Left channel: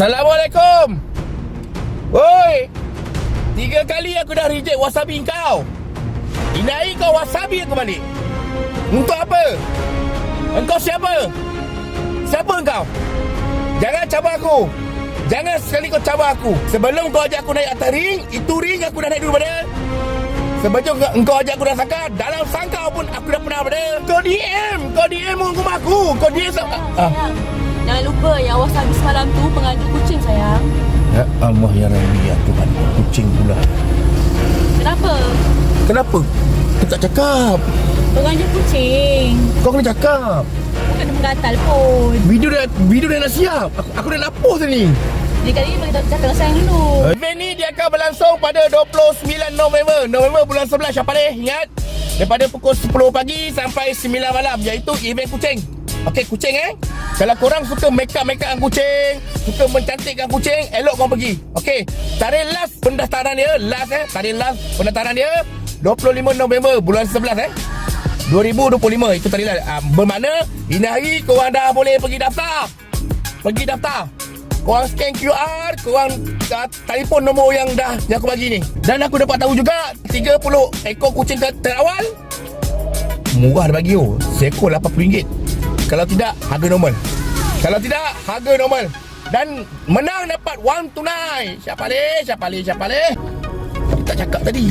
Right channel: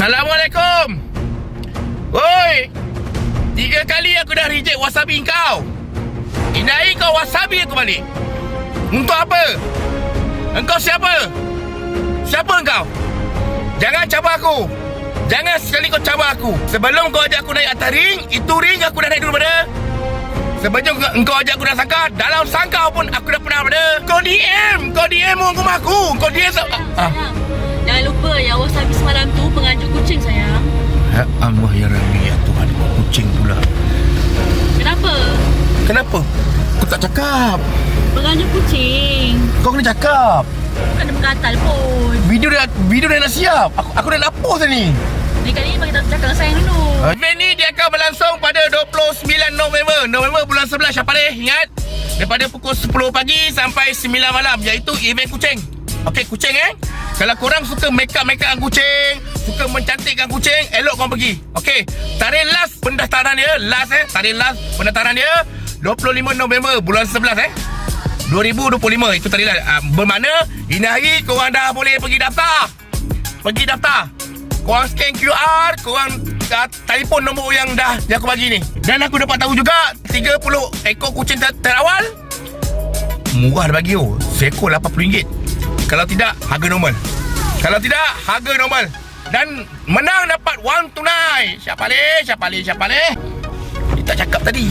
Assalamualaikum. Oi, 3 kali aku dah reject wasabi kau. Indai kau wasabi aku balik. Untuk apa? Engkau siapa? Siapa engkau? Jangan cabar aku. Jangan sekali kau cabar aku. Sebelum kau ajak aku naik atas ring, itu ring aku dah naik dulu pada. Sebelum engkau ajak aku dah sangka, dalam sangka pun aku dah pernah pada. Kau DM rumah aku. Kau DM Sayang, jangan lupa yang wasabi semalam tu penganjur kucing sayang. Ya Allah ya Rabbi, ya Tuhan, kucing pula. Kenapa? Kenapa? Aku tak cakap. Penganjur kucing. Kau kena cakap. Bukan dia menggatal pun. Video dah nak siap. Aku dah nak post ni. Ni kali ni bagi tak cakap dengan sayang dulu. Event ni dia akan berlangsung pada 29 November bulan 11. Siapa boleh ingat? Daripada pukul 10 pagi sampai 9 malam, iaitu event kucing. Okey, kucing Kalau korang suka make up kucing, suka mencantikkan kucing, elok korang pergi. Okey, tarikh last pendaftaran dia, tarikh last pendaftaran dia 25 November bulan 11 2025. Itu tarikh last. Bermakna ini hari korang dah boleh pergi daftar. Korang scan QR, korang telefon nombor yang aku bagi ni. Dan aku dapat tahu juga 30 ekor kucing terawal murah dah bagi seekor RM80. Kalau tidak, harga normal. Dan menang dapat wang tunai. Siapa leh? Dia tak cakap tadi.